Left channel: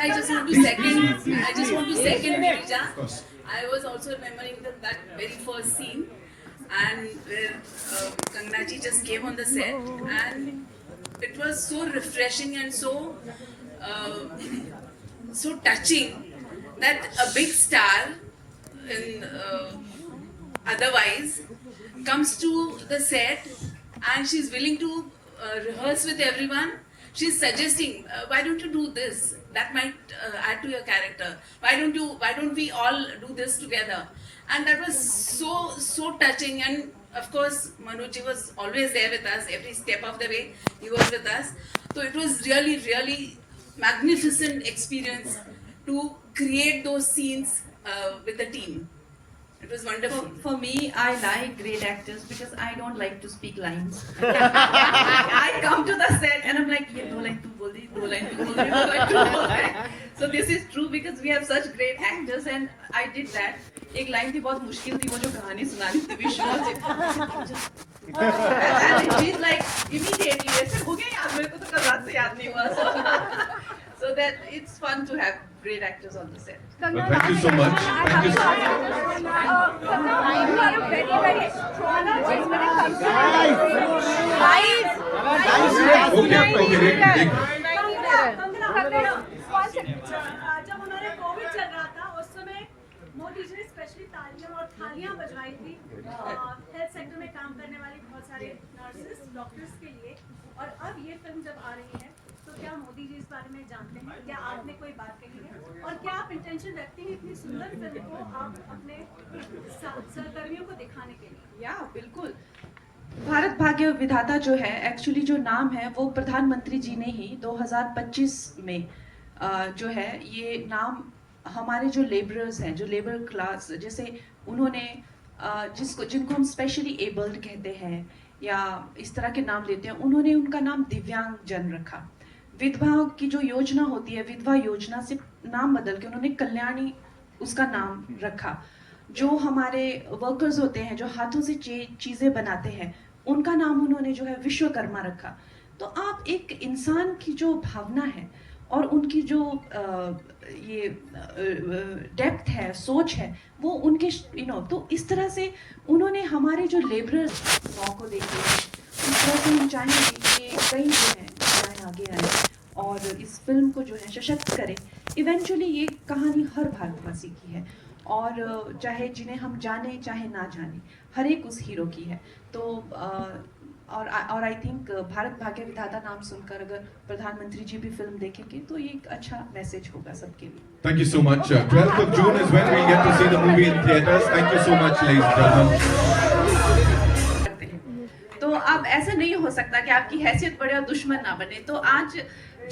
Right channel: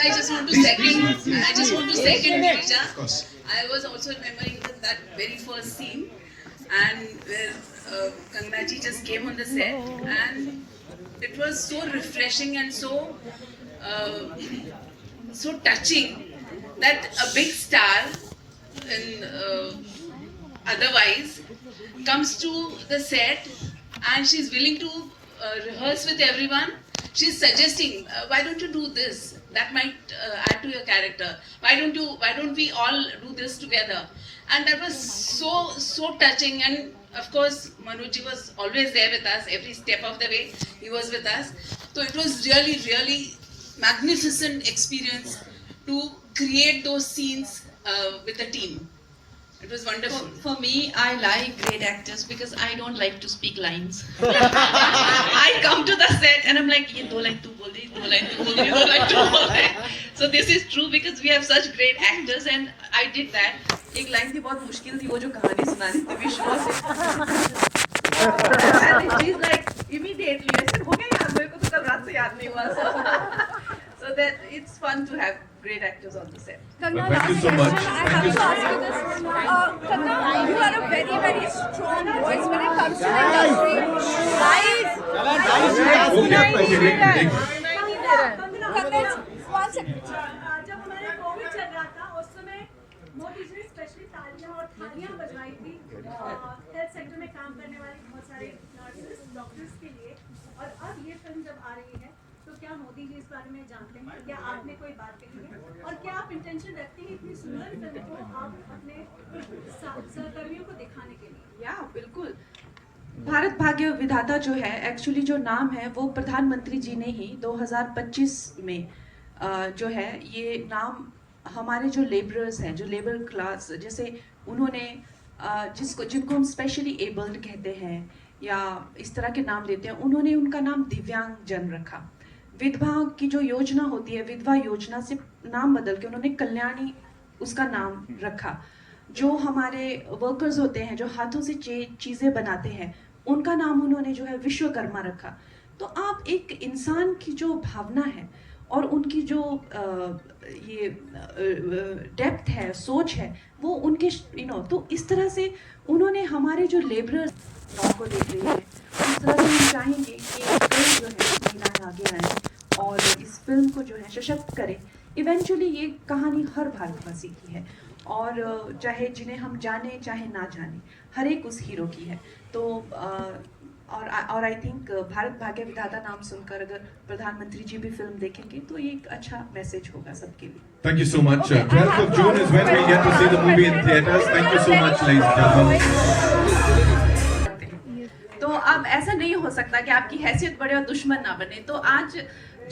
I just want to second Girija. I was also remembering that very first scene, and where Kangana ji just came on the set, and it was so refreshing and so touching that a big star in otherwise comes to the set and she's willing to rehearse with everyone. She's suggesting, why don't you do this? That might add to your character. Why don't we all do this together? And that was so touching. And of course, Manoj was always there with us every step of the way. He was with us. So it was really magnificent experience to create those scenes with the team. It was wonderful. For me, I like great actors because I don't like to speak lines. I come to the set and I'm like, ये 2 line तू बोल दी, 2 line तू बोल दी, 2 line तू बोल दे. So this is true because we have such great actors and I did that. एक line थी बहुत मुश्किल थी वो जो कहानी सुनानी थी विश्वास से. And she's like immediately, ऐसे हो गया यार मेरे को तो कल रात से याद नहीं हुआ. So that it's fun to have great actors on the set. Well, thank you so much. Thank you so much. You are a very strong voice when it comes to guys. जब हमारे Covid चल रहा था उस समय मोदी जी ने specially तालियां और थालियां बजवाई थी हेल्थ सेक्टर में काम करने वाले बहुत सारे नर्सेस डॉक्टर्स के लिए. और अब ये फिल्म जब आ रही है तो क्या मोदी जी इस बारे में जानते हैं? क्या आपने कोई बात कही है? और क्या आप इंटेंशन रखते हैं इतनी सुंदर फिल्म को आप अपने सहकर्मियों को दिखाने के लिए? या बिल्कुल. भारत भाग्य विधाता जो है एक्चुअली जो नाम है वो प्रधानमंत्री जी ने ही 2025 में जो है ये नाम हमारे जो लेबरर्स हैं जो लेबर क्लास जैसे उन्होंने जिनको हम स्पेशली एबल्ड कहते हैं या इस तरह के नाम देते हैं उन्होंने उनका नाम दिव्यांग जन रखा. विधवाओं की जो योजना होती है विधवा योजना से नाम बदल के उन्होंने कल्याणी उसका नाम रखा. जो हमारे वर्कर्स होते हैं जो हाथों से चीज़ें बनाते हैं उनका नाम उन्होंने जो है विश्वकर्मा रखा. तो आप एक इंसान की जो भावना है और उनकी जो ये डेप्थ है सोच है वो उनके तो इस तरह से उन्होंने हमारे जो लेबरर्स को देखे हम चाहेंगे कि कई जो है आगे आए और इस फिल्म को जो है सशक्त करें. इवेंचुअली ये कहानी हर भारतवासी की है और चाहे जिन्हें हम जाने चाहे ना जाने हर एक उस हीरो की है. तो और आई थिंक भारत भाग्य विधाता नाम सुनकर अगर प्रधानमंत्री जी भी फिल्म देखेंगे तो ये एक अच्छा मैसेज होगा सबके लिए. Thank you so much. 12th of June is when we get to see the movie in theaters. Thank you so much, ladies and gentlemen. तो अब ऐसा नहीं हो सकता कि आपकी हैसियत बढ़े और दुश्मन ना बने. तो आज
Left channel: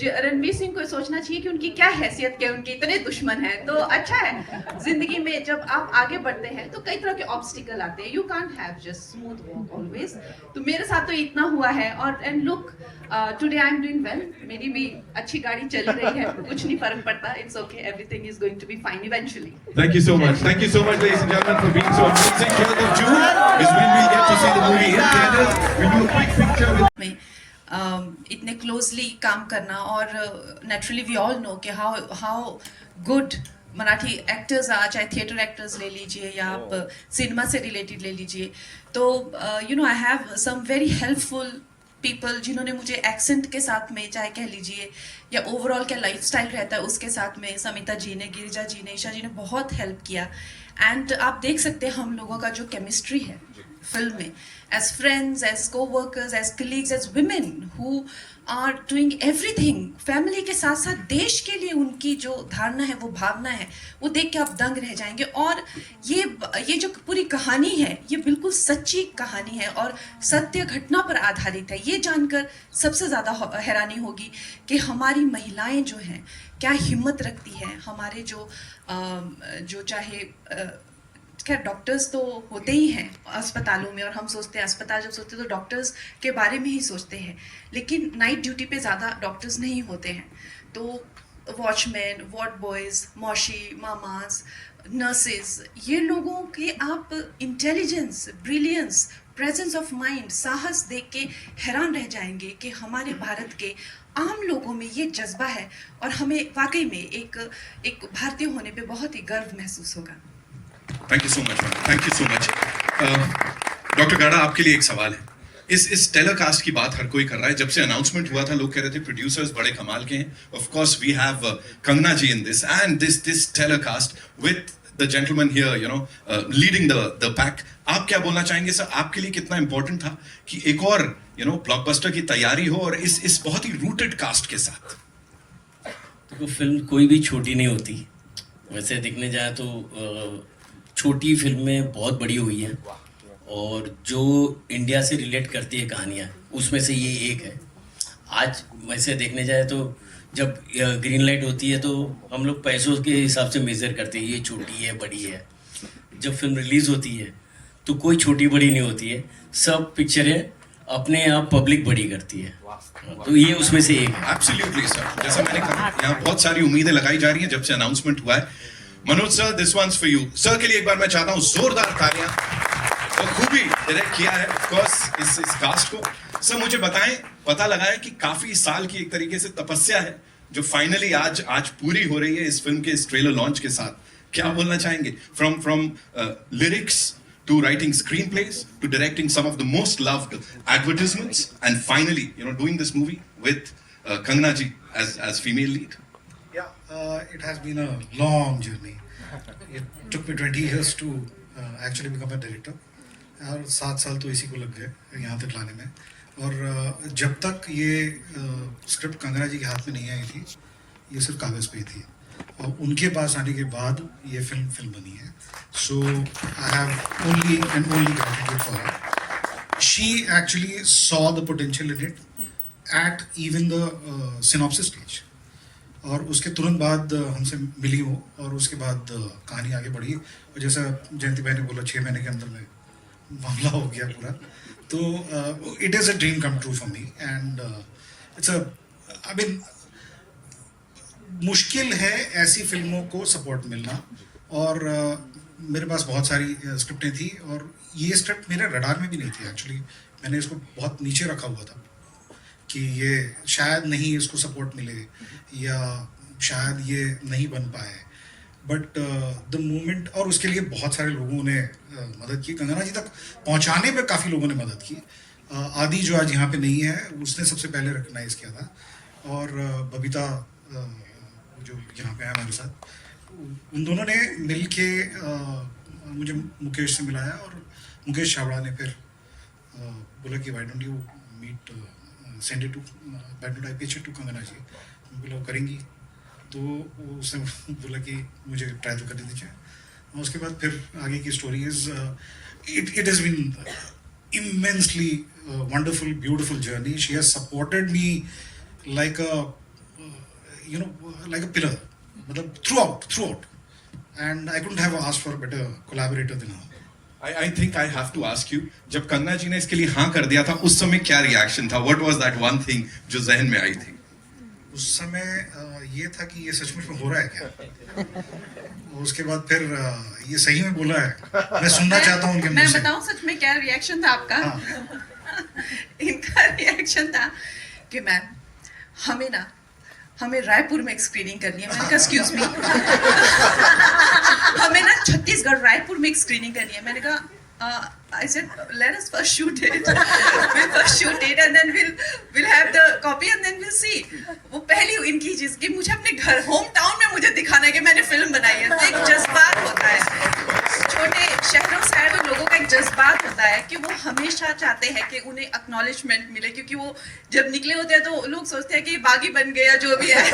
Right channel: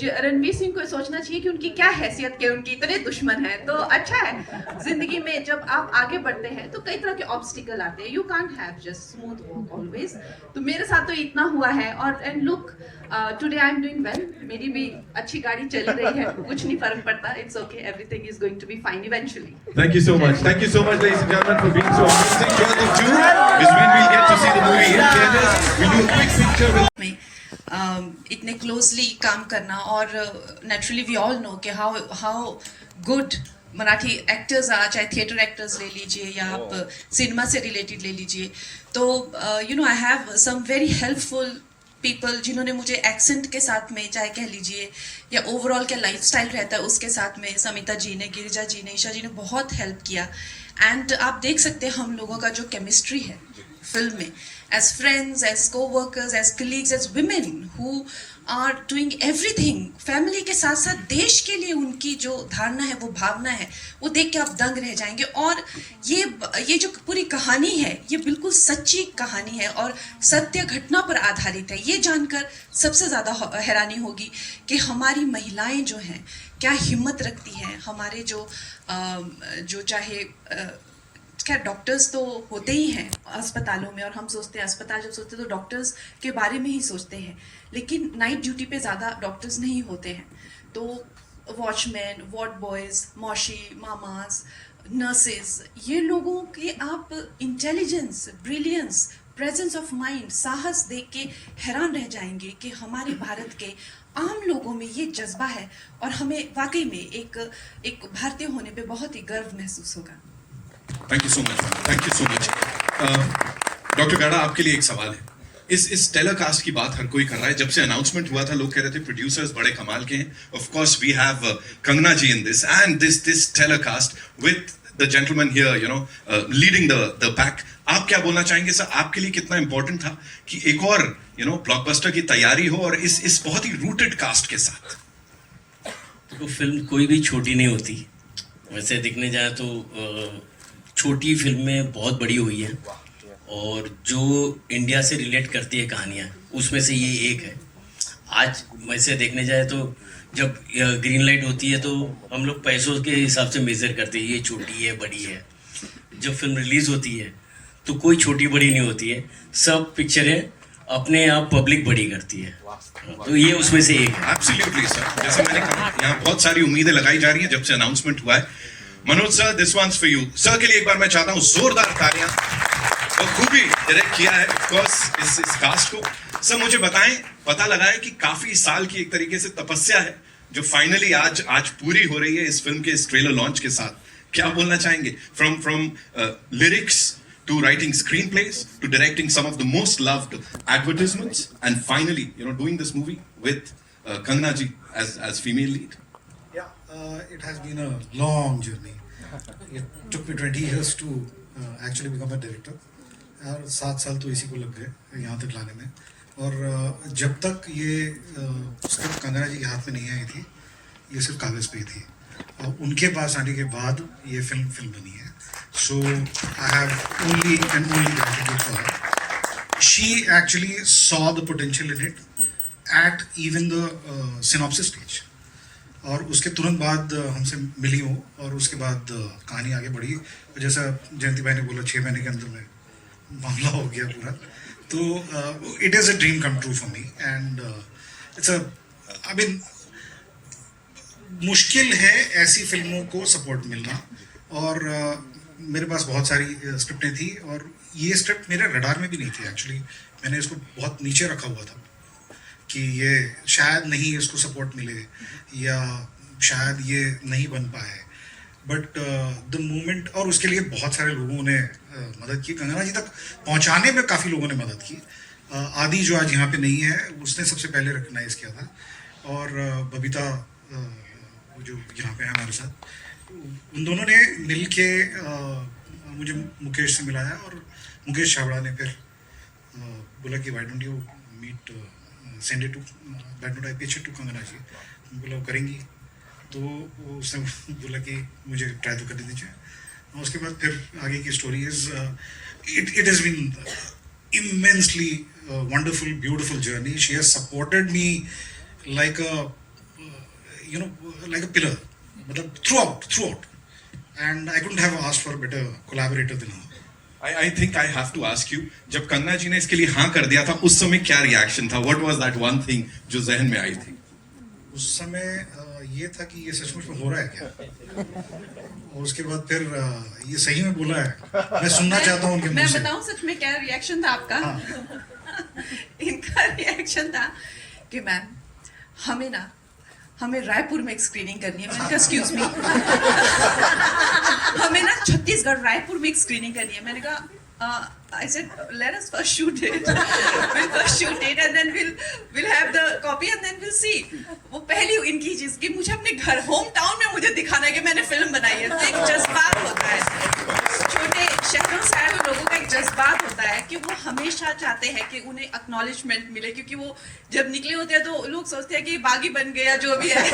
रणवीर सिंह को सोचना चाहिए कि उनकी क्या हैसियत के उनके इतने दुश्मन हैं. तो अच्छा है जिंदगी में जब आप आगे बढ़ते हैं तो कई तरह के ऑब्स्टिकल आते हैं. You can't have just smooth walk always. तो मेरे साथ तो इतना हुआ है और and look today I am doing well. मेरी भी अच्छी गाड़ी चल रही है कुछ नहीं फर्क पड़ता. It's okay everything is going to be fine eventually. Thank you so much. Thank you so much, ladies and gentlemen, for being so amazing. 12th of June is when we'll get to see the movie in theaters. We'll do a quick picture with इतने closely काम करना और naturally we all know कि how good Marathi actors आ चाहे theatre actors ले लीजिए या आप सिनेमा से रिलेटेड ले लीजिए. तो I have some very helpful people जिन्होंने मुझे एक्सेंट के साथ में चाहे कह लीजिए या ओवरऑल क्या लाइफस्टाइल रहता है उसके साथ में समिता जी ने गिरिजा जी ने ईशा जी ने बहुत हेल्प किया. एंड आप देख सकते हैं हम लोगों का जो केमिस्ट्री है फिल्म में as friends, as co-workers, as colleagues, as women who are doing everything, family के साथ साथ देश के लिए उनकी जो धारणा है वो भावना है वो देख के आप दंग रह जाएंगे. और ये जो पूरी कहानी है ये बिल्कुल सच्ची कहानी है और सत्य घटना पर आधारित है. ये जानकर सबसे ज़्यादा हैरानी होगी कि हमारी महिलाएं जो हैं क्या हिम्मत रखती हैं. हमारे जो चाहे खैर डॉक्टर्स तो होते ही हैं अस्पतालों में और हम सोचते हैं अस्पताल जब सोचते हैं तो डॉक्टर्स के बारे में ही सोचते हैं लेकिन नाइट ड्यूटी पे ज़्यादा डॉक्टर्स नहीं होते हैं. तो वॉचमैन वार्ड बॉयज़ मौशी मामाज नर्सेज ये लोगों के आप intelligence brilliance presence of mind, साहस देख के हैरान रह जाएंगे कि हमारे भारत के आम लोगों में ये जज्बा है और हमें वाकई में एक भारतीय होने पे बहुत ही गर्व महसूस होगा। Thank you so much, thank you so much. Doctor गाड़ा, आपके लिए एक सवाल है। इस टेलीकास्ट की बात हर कोई कर रहा है। जब से अनाउंसमेंट हुआ था, लोग कह रहे थे प्रोड्यूसर्स बड़े कमाल के हैं। Of course we have Kangana ji in this and this telecast with the gentleman here, you know, leading the pack. आप क्या बोलना चाहेंगे सर? आपके लिए कितना इंपॉर्टेंट था कि एक और ब्लॉकबस्टर की तैयारी हो और इस बहुत ही रूटेड कास्ट के साथ? देखो, फिल्म कोई भी छोटी नहीं होती। वैसे देखने जाए तो छोटी फिल्में बहुत बड़ी हुई है और जो इंडिया से रिलेट करती है कहानियाँ, उसमें से ये एक है। आज वैसे देखने जाए तो जब ग्रीन लाइट होती है तो हम लोग पैसों के हिसाब से मेज़र करते हैं, ये छोटी है बड़ी है। जब फिल्म रिलीज़ होती है तो कोई छोटी बड़ी नहीं होती है, सब पिक्चरें अपने आप पब्लिक बड़ी करती है, तो ये उसमें से एक है। एब्सोल्युटली सर, जैसा मैंने कहा, यहाँ बहुत सारी उम्मीदें लगाई जा रही हैं जब से अनाउंसमेंट हुआ है। Manoj sir, this one's for you. Sir के लिए एक बार मैं चाहता हूँ जोरदार तालियां। तो खूबी डायरेक्ट किया है ऑफ कोर्स इस कास्ट को। सर मुझे बताएं, पता लगाएं कि काफी साल की एक तरीके से तपस्या है जो फाइनली आज पूरी हो रही है इस फिल्म के इस ट्रेलर लॉन्च के साथ। क्या बोलना चाहेंगे? From lyrics to writing screenplays, to directing some of the most loved advertisements, and finally, doing this movie with Kangana ji as female lead. Yeah, it has been a long journey. It took me 20 years to actually become a director. और 7 साल तो इसी को लग गए यहाँ तक लाने में। और जब तक ये स्क्रिप्ट कंगना जी के हाथ में नहीं आई थी, ये सिर्फ कागज़ पे ही थी। और उनके पास आने के बाद ये फिल्म बनी है। So I have only gratitude for her. She actually saw the potential in it at even the synopsis stage. और उसके तुरंत बाद हमसे मिली वो, और उसके बाद कहानी आगे बढ़ी। और जैसा जयंती भाई ने बोला, 6 महीने के अंदर में मामला हो गया पूरा। तो it is a dream come true for me and मुश्किल है ऐसी फिल्मों को सपोर्ट मिलना। और मेरे पास बहुत सारी स्क्रिप्टें थी और ये स्क्रिप्ट मेरे रडार में भी नहीं थी एक्चुअली। मैंने इसको बहुत नीचे रखा हुआ था कि ये शायद नहीं इसको सपोर्ट मिले या शायद ये नहीं बन पाए। बट द मोमेंट, और उसके लिए बहुत सारे लोगों ने मदद की। कंगना जी तक पहुंचाने में काफ़ी लोगों ने मदद की। आदि जो आज यहाँ पे नहीं है, उसने सबसे पहले रिकग्नाइज किया था। और बबीता जो यहाँ पे है हमारे साथ, उन दोनों ने मिल के मुझे मुकेश से मिलाया। और मुकेश छाबड़ा ने फिर बोला कि why don't you meet, send it to, why don't I pitch it to Kangana ji. बोला करेंगी, तो उसने बोला कि मुझे ट्राई तो कर दीजिए। और उसके बाद फिर आगे की story is it has been immensely wonderful beautiful journey. She has supported me like a pillar, मतलब throughout, and I couldn't have asked for a better collaborator than her. I think I have to ask you, जब कंगना जी ने इसके लिए हाँ कर दिया था, उस समय क्या रिएक्शन था? What was that one thing जो जहन में आई थी? उस समय ये था कि ये सचमुच में हो रहा है क्या? और उसके बाद फिर ये सही में बोला है। मैं सुनना चाहता हूँ उनके मुंह मैं से। बताऊं सच में क्या रिएक्शन था आपका? इनका रिएक्शन था कि मैम हमें रायपुर में एक स्क्रीनिंग करनी है। मैंने कहा एक्सक्यूज मी, हमें ना छत्तीसगढ़ रायपुर में एक स्क्रीनिंग करनी है। मैंने कहा I said let us first shoot it. We'll first shoot it and then we'll have the copy and then we'll see. वो पहली इनकी चीज कि मुझे अपने घर होम टाउन में मुझे दिखाना है कि मैंने फिल्म बनाई है। तो एक जज्बात होता है, छोटे शहरों से आए हुए लोगों का एक जज्बात होता है कि वो हमेशा चाहते हैं कि उन्हें एक्नॉलेजमेंट मिले, क्योंकि वो जब निकले होते हैं तो लोग सोचते हैं कि बागी बन गया जो भी है।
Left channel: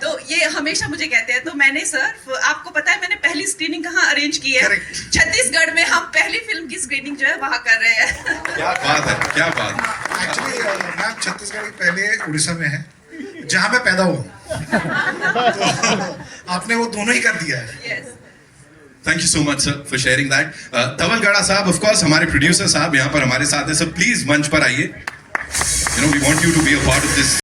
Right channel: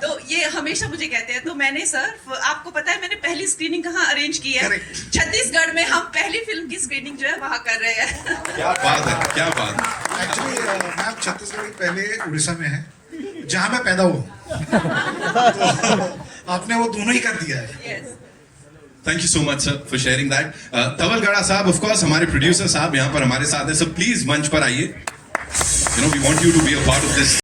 तो ये हमेशा मुझे कहते हैं। तो मैंने सर, आपको पता है मैंने पहली स्क्रीनिंग कहाँ अरेंज की है? छत्तीसगढ़ में। हम पहली फिल्म की स्क्रीनिंग जो है वहाँ कर रहे हैं। क्या बात है, क्या बात है। एक्चुअली मैम छत्तीसगढ़ के पहले उड़ीसा में है जहाँ मैं पैदा हुआ। तो आपने वो दोनों ही कर दिया है। Yes. Thank you so much sir for sharing that. तवल गाड़ा साहब, ऑफ कोर्स हमारे प्रोड्यूसर साहब यहाँ पर हमारे साथ हैं। सर प्लीज मंच पर आइए। We want you to be a part of this.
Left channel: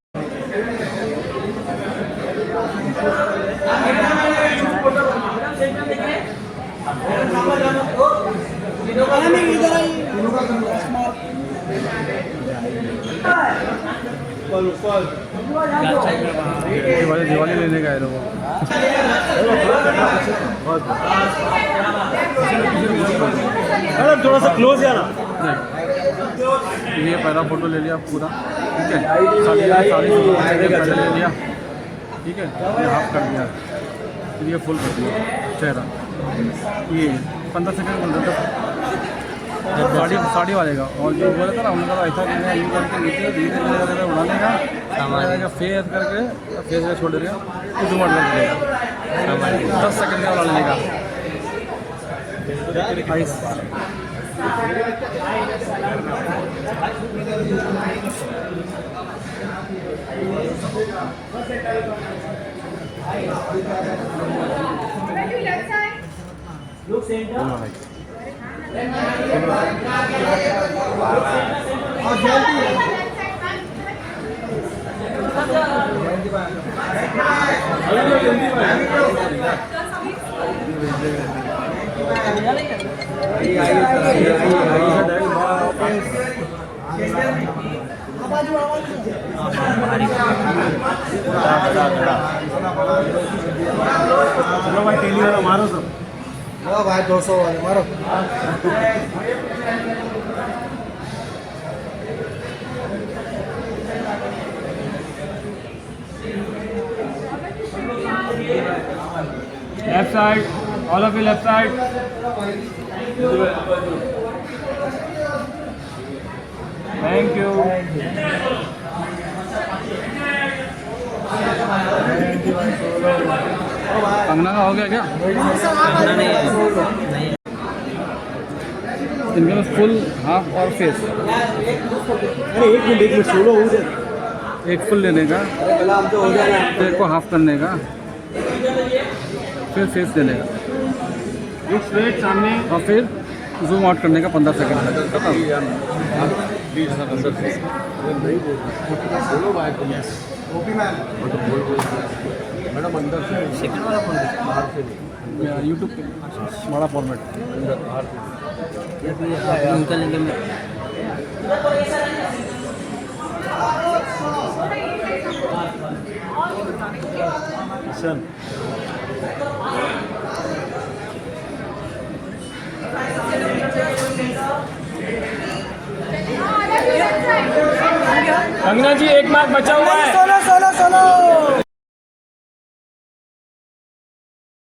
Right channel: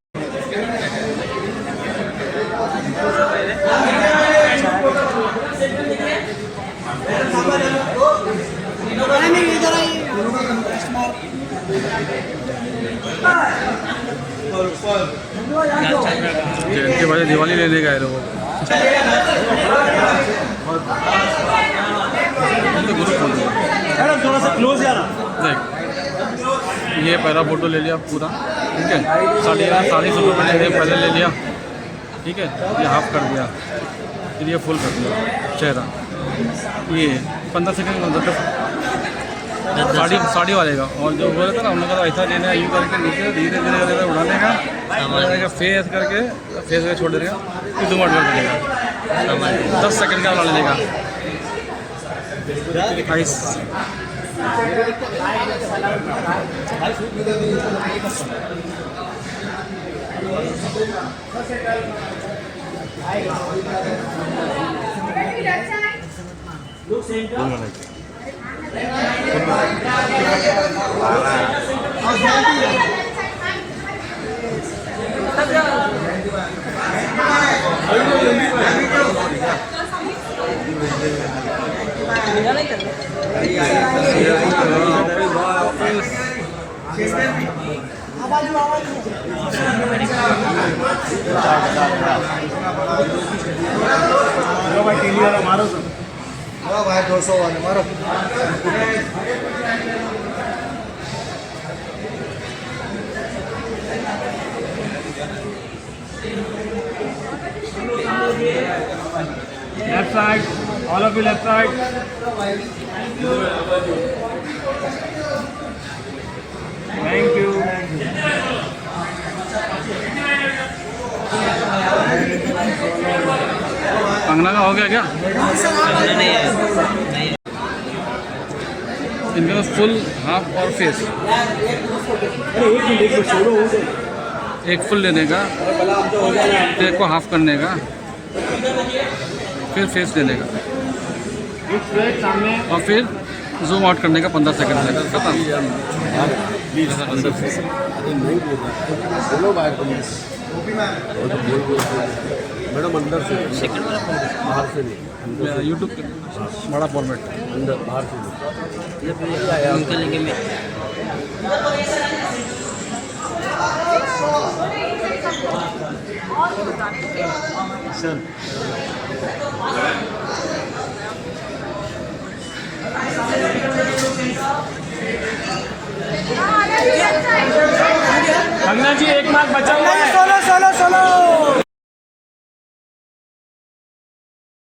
इधर आइए। जयंती वाले दिवाली लेने गए लोगों को थोड़ा सा क्लोज यार। देख, ये पहला फोटो ले लिया पूरा, ठीक है। 40 मैंने पहले ले लिया, ठीक है। ये हाफ कर दिया, फिर ये फुल कर दिया चेहरा। ये 15 सेकंड में साड़ी वाले का। और जो बोला था ना हम लोग का, तो ऐसा लेना है, यूँ करके नीचे धीरे धीरे धीरे उड़ाने का, फेस करके फेस में छोड़ देगा, फिर जुम आउट कर देगा। 10 सेकंड का वाला लेने का। आइस भाई 200 वाले मारो। Left side, all of you left side. Thank you. Kangana का हो गया क्या? इनके पास फुल, हाफ और फेस। एक फुल लेने का, फिर एक को हाफ करने का, फिर फेस देने का, और फिर जूम आउट करने का 15 सेकंड तक। खत्म। ऐसा कर सकते हैं। मैडम अंदर से सेकंड वाला बाहर से नहीं, यूट्यूब पे बड़ा फॉर्मेट। अंदर बाहर से निकलेंगे में सर। कंगना जी एक मार्क बचाओ।